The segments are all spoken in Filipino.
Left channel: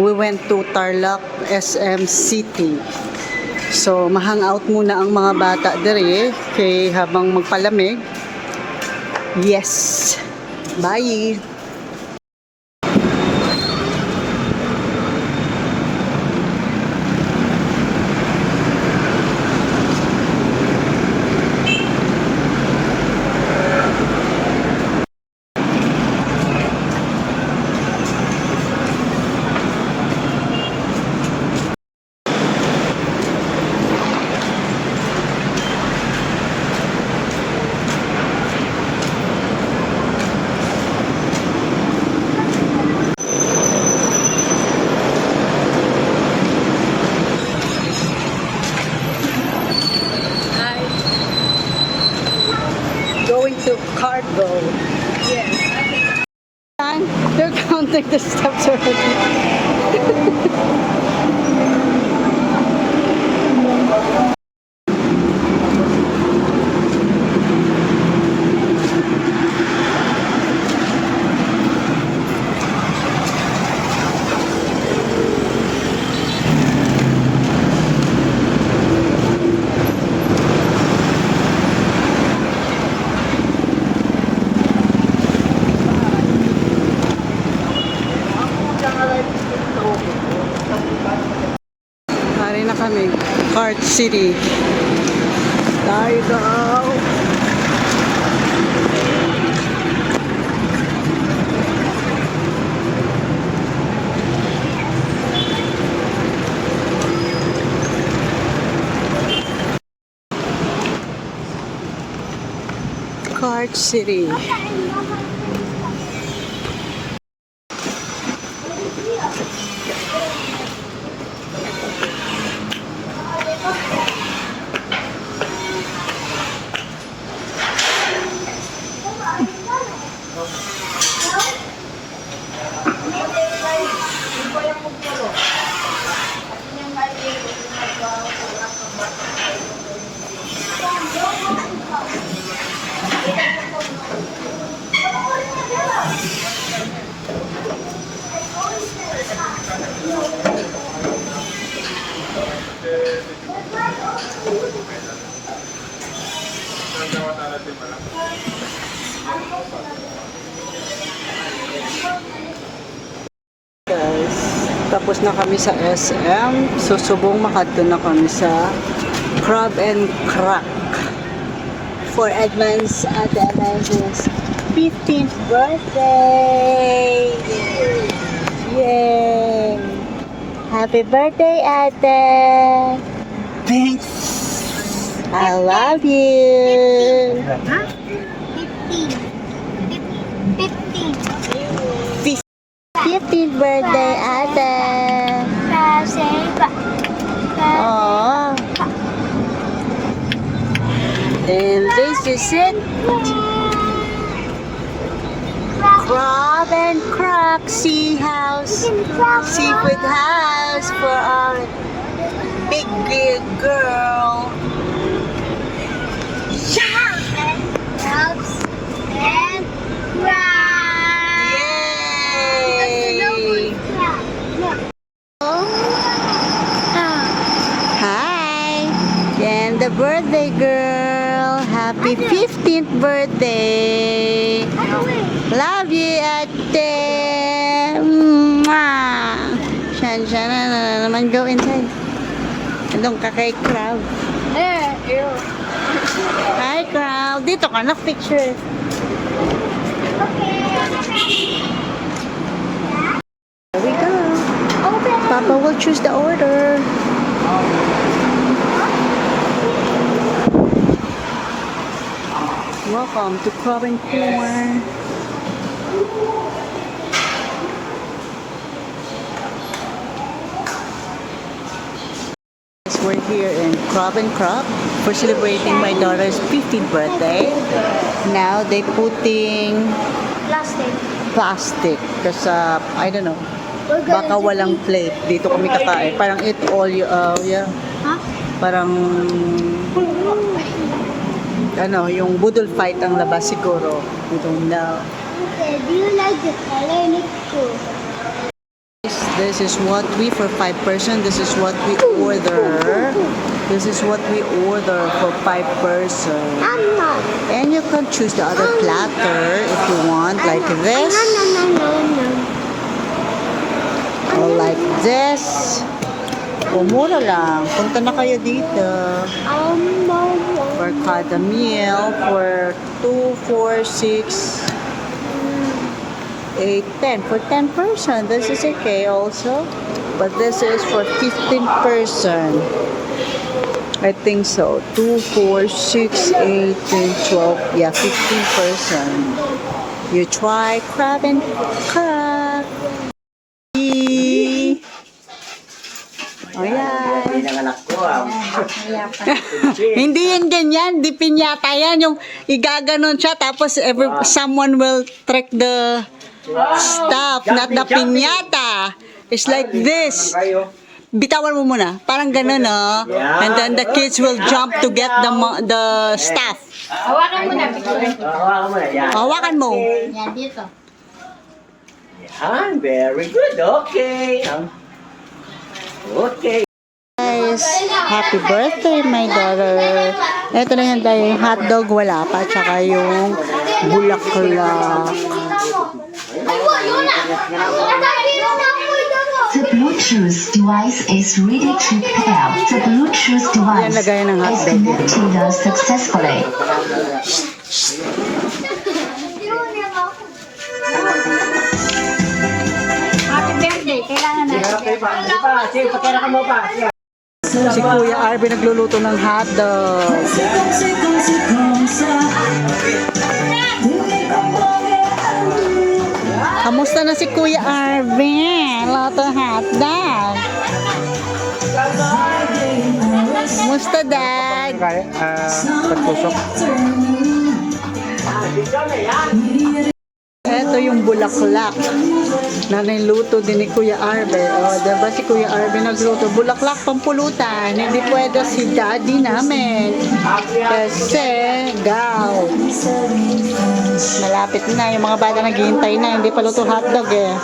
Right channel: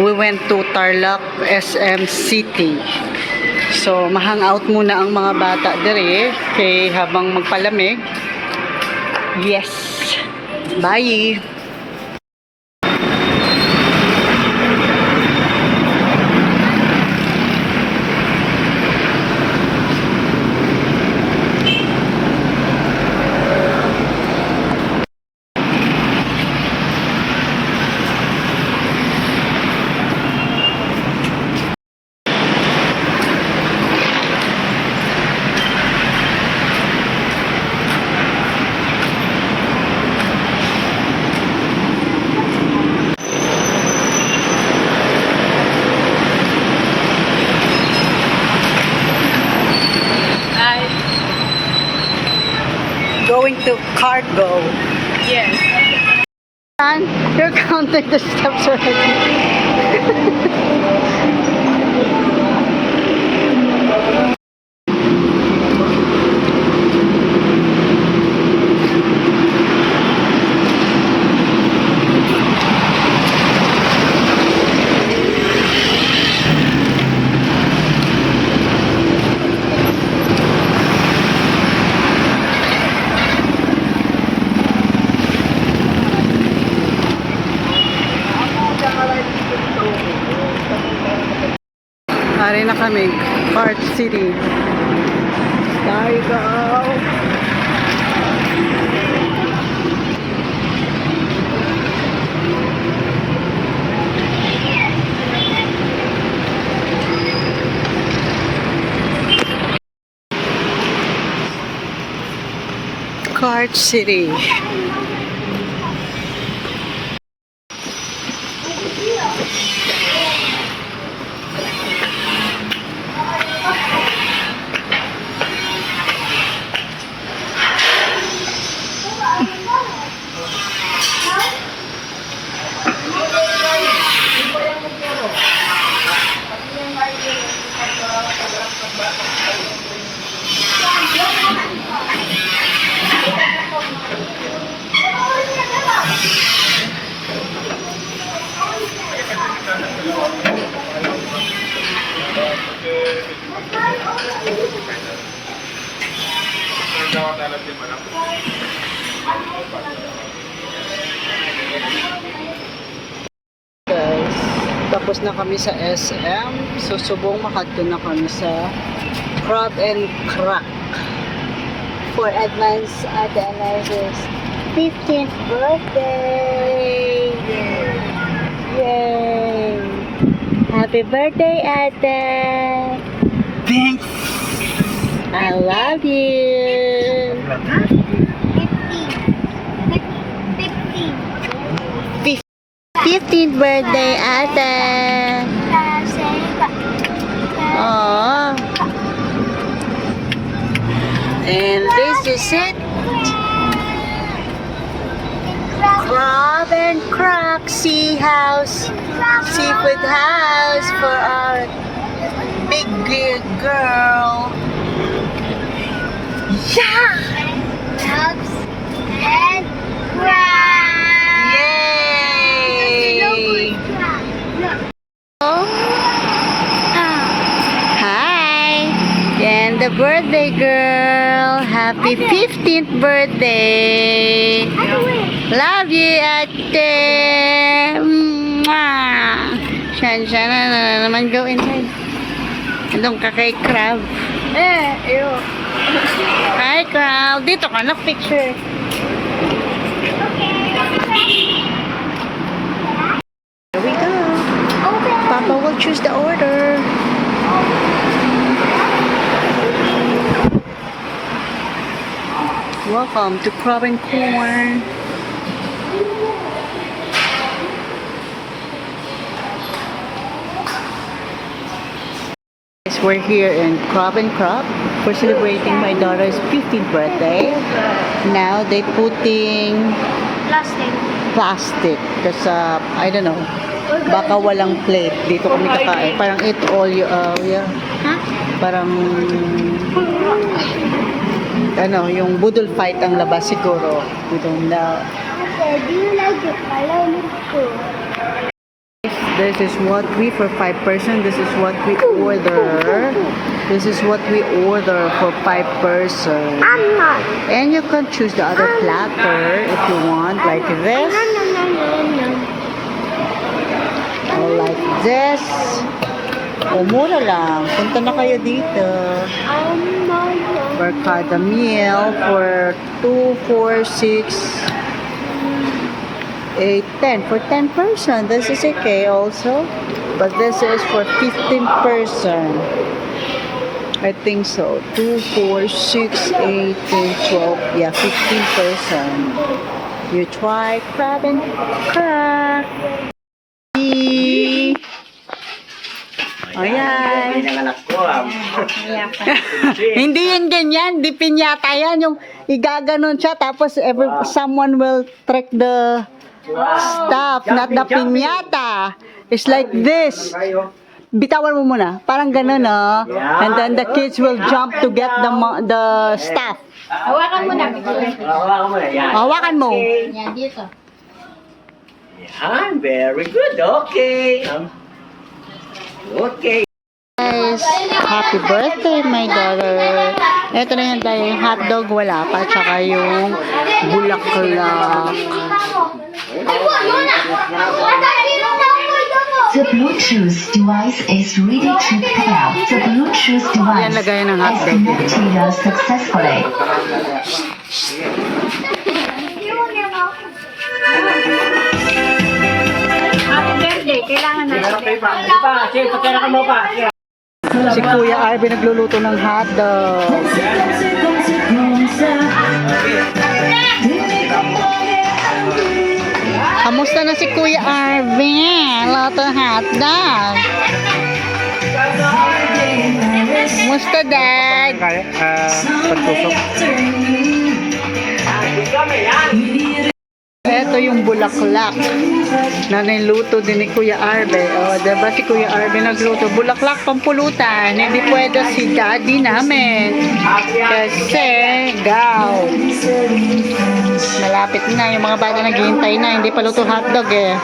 We went to Tarlac SM City. So, mahang-out muna ang mga bata dire kay habang magpalamig. Yes. Bye. Going to Cargo. Yes. And you're counting the steps already. Pare na kami, Cart City. There you go. Cart City. Guys, tapos na kami sa SM. Susubong makadto na kami sa Crab and Crack for advance at the America's 15th birthday. Yay! Happy birthday, Ate! Thanks! I love you! 15th birthday, Ate! Aww! And this is it! Crab and Crack Sea House, Seafood House for our big girl. Yeah! Crabs and crabs. Yay! Hi! And the birthday girl. Happy 15th birthday. Love you, Ate. Mwah! Siya na naman go inside. Andong ka kay Crab. Ew. Hi, Crab. Dito ka na picture. Here we go. Papa will choose the order. Welcome to Crab and Corn. We're here in Crab and Crab for celebrating my daughter's 15th birthday. Now they putting plastic kasi I don't know, baka walang plate dito kami kakain. Parang eat all you yeah. Huh? Parang ano, yung budol fight ang labas siguro. We don't know. Okay, do you like the color? Look too. this is what we, for 5 person, this is what we order. This is what we order for 5 person. And you can choose the other platter if you want, like this. Or like this. O mura lang. Punta na kayo dito. For kada meal, for 2, 4, 6, 8, 10. For 10 person, this is okay also. But this is for 15 person. I think so. 2, 4, 6, 8, 10, 12. Yeah, 15 person. You try crab and crack. Ayan. Hindi yun ganyan. Di pinyata yan. Yung igaganon siya. Tapos someone will track the stuff. Not the pinyata. It's like this. Bitawan mo muna. Parang ganun, no? And then the kids will jump to get the stuff. Hawakan mo na, picture. Hawakan mo na. Yan. Hawakan mo. Yan, dito. Yan. Very good. Okay. Okay. Guys, happy birthday, my daughter. Ito na yung hotdog, wala pa. Tsaka yung bulaklak. The Bluetooth device is ready to pair. The Bluetooth Yan, device lagayan ng is hotdog. connected successfully. Happy birthday, kailangan natin. Si Kuya Arby nagluluto ng hotdog. Kamusta na si Kuya Arby? Luto hotdog. Kamusta, Dad? Pagtusok. Ito yung bulaklak na niluto din ni Kuya Arbe. O, diba si Kuya Arbe nagluto? Bulaklak pampulutan. Hindi pwede si daddy namin. Kasi, malapit na. Yung mga bata naghihintay na. Hindi pa luto hotdog eh.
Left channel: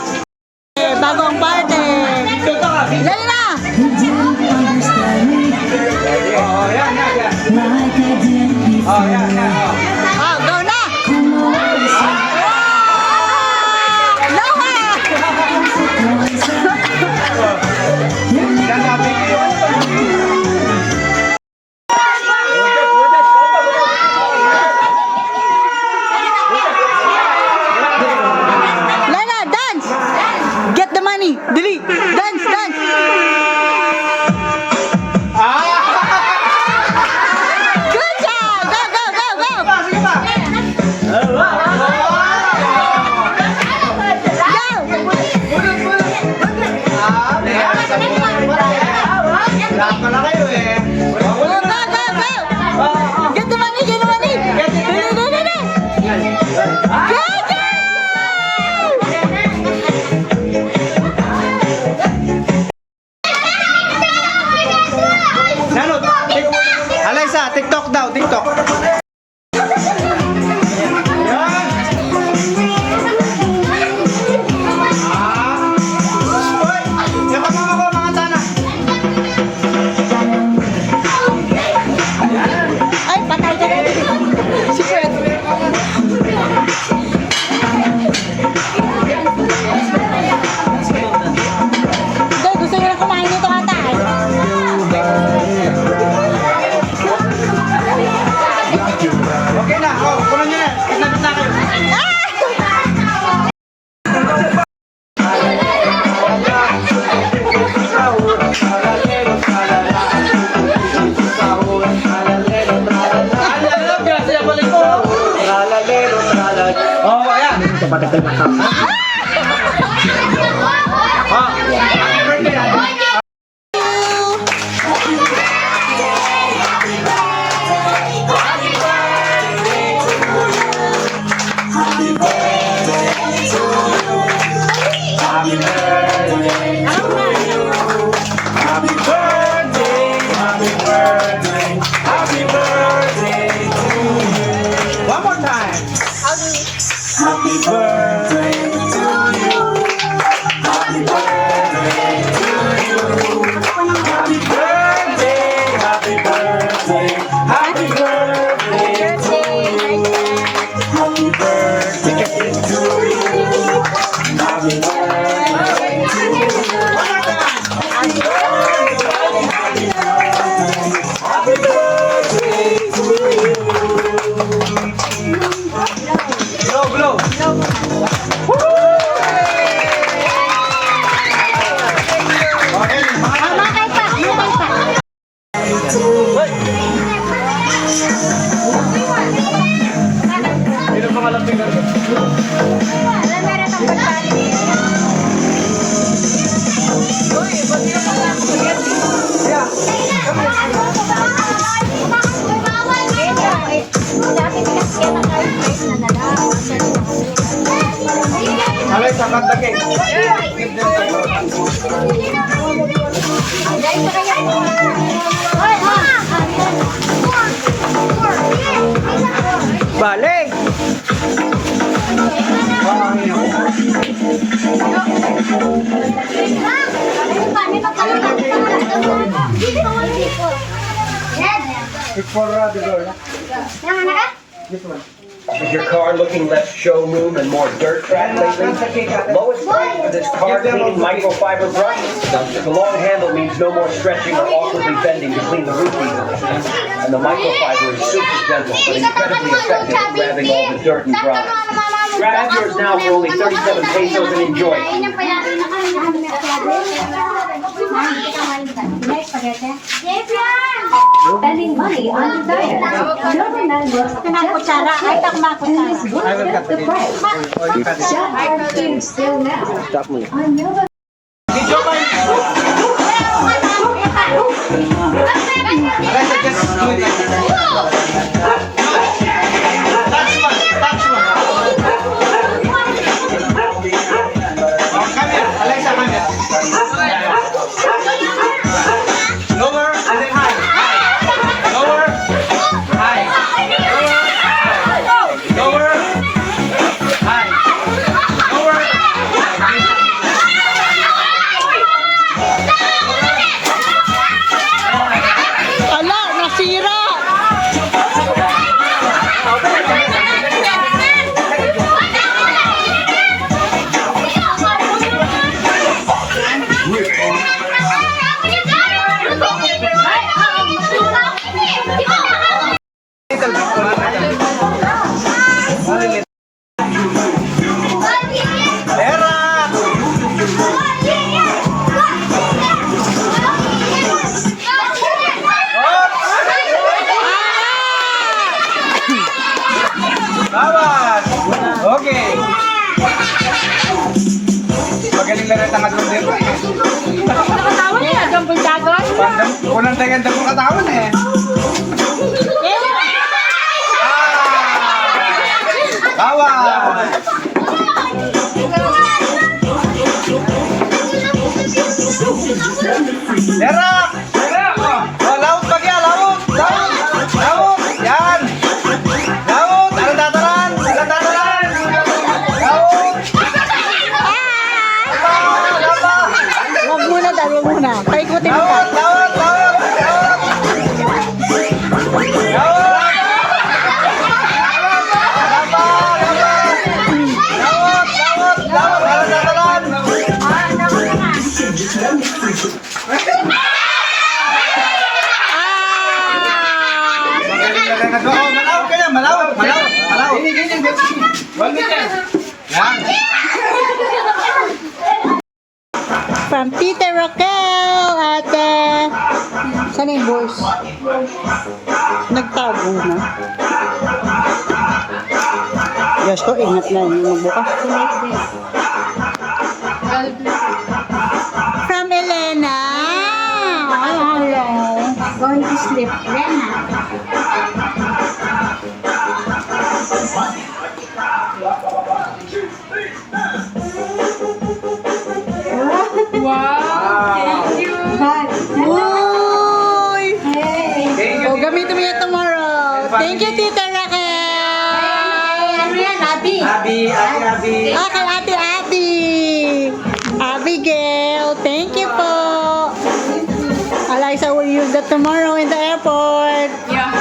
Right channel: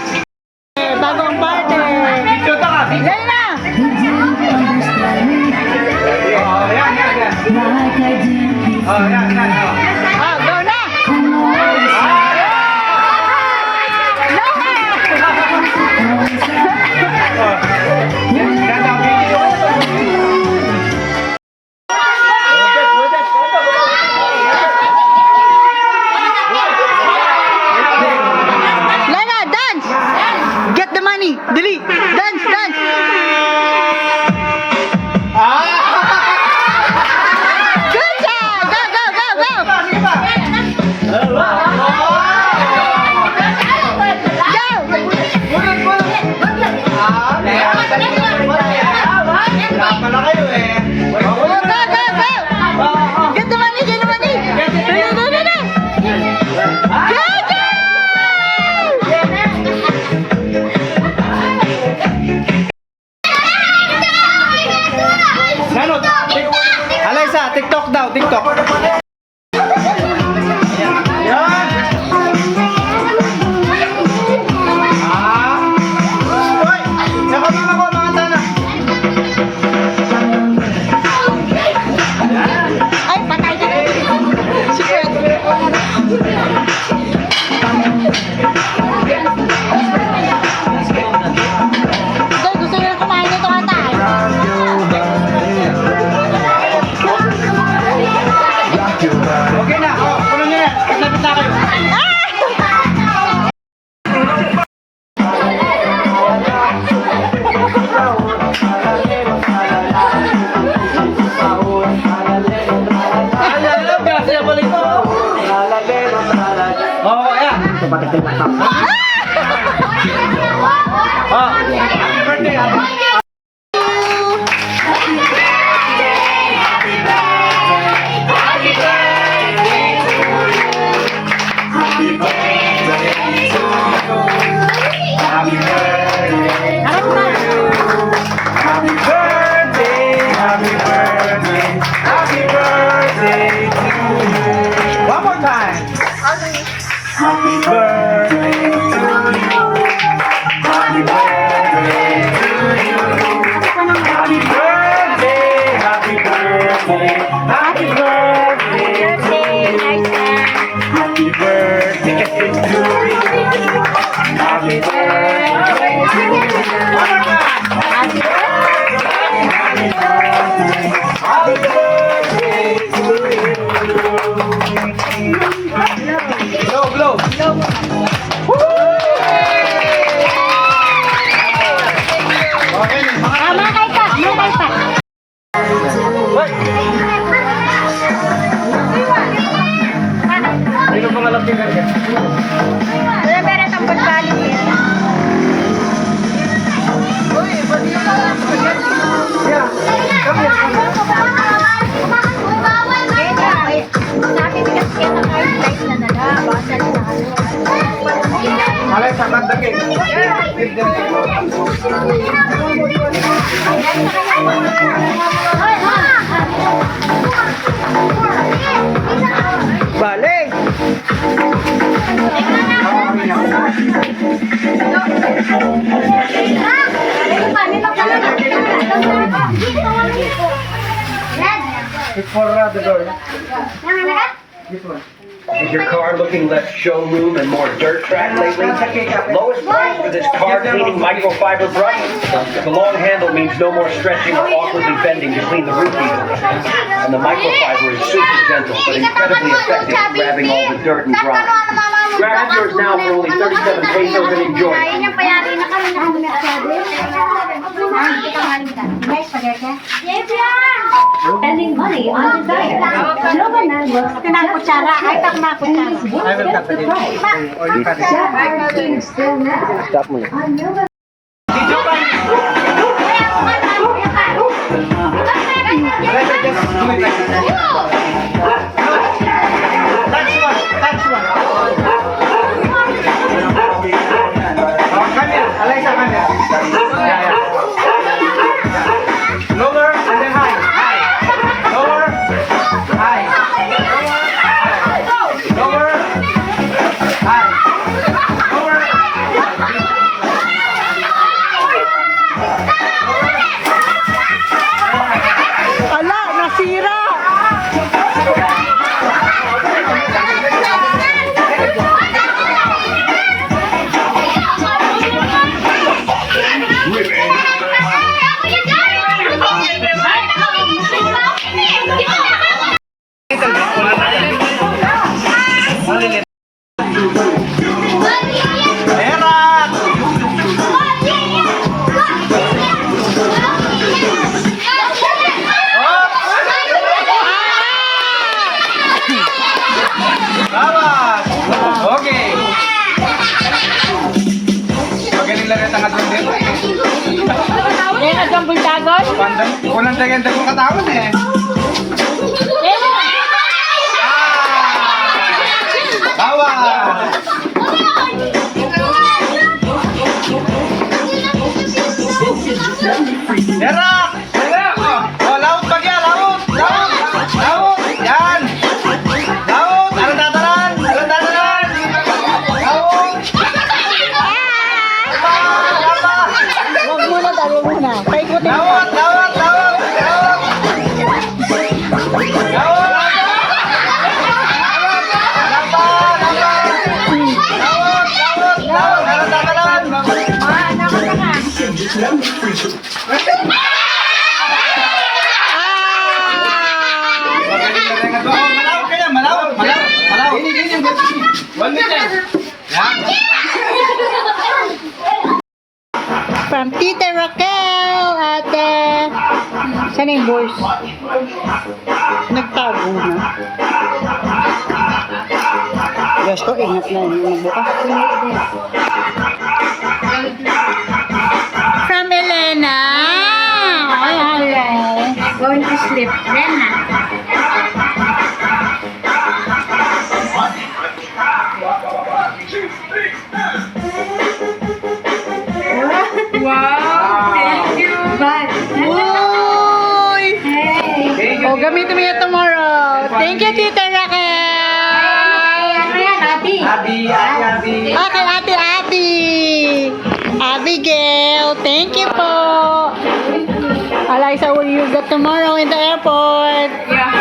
Bago ang party. Yan na! Go na! Lana, dance! Get the money! Dali! Dance! Dance! Good job! Go! Go! Go! Go! Get the money! Get the money! Dali! Dali! Dali! Good job! Nanot! Alexa, TikTok daw, TikTok. Yan! Uy! Yung kasama ko, mga sana. Ay, patay ka na. Si Kuya. Go, gusto nyo na kumain nito ata. Okay na, puno nyo na. Kasabit na kayo. Oh, ayan. Happy birthday. One more time. Happy birthday to you. Happy birthday more time. Glow, glow. Okay, sino pangalap finger ka? Malay sa kandake. Give them time. Balik! It's for the door. This one. Is your car looking less showroom and more dirt track lately? Lowest price for this car cleaning microfiber brush? The long handle means no more stretching or awkwardly bending to clean the root easily. And the microfiber is super gentle but incredibly effective at grabbing all the dirt and grime. Grab yours now for only 37 pesos and enjoy. Spending money on designer. Nova Man looks just please I will cut the it. price. Or you cut it. Shop our cubes still now. Stop mo. On Nova Let's just do it like this. Touch one. Touch one. Oh, come here. Alexa, come here. Yeah. Lower and then high. High. Lower. High. Lower. High. Lower. Ala, nasira! Era! Bawas! Okay. Magaling lang ang tangat ng dito eh. Kulang dagan-dagan kong katawan eh. Bawas! Era! Era! Oh, laut pa kaya, laut! Laut! Laut! Yan! Laut! Alang tatalan! Alang tatalan! Laut! Huwag muna tayo muna. Paikutin mo pa. Laut! Laut! Laut! Malaw ka yan! Malaw! Malaw! Malaw! Ganyan! One minute! Yan! From Tita Raquel, ate. Saan yung voice? Nagtago na. Gusto, ingat na yung magbuka. From Elena. Ay, hello. Going to sleep. Rena. Wow! Thank you! Uy! Hey! O, gamitin mo yan tomorrow. Thank you, Tita Raquel. Ano yan, Ati? Abi! Abi! Okay, ate. Abigail, thank you po. Eliza, will you get tomorrow in the airport? Yeah.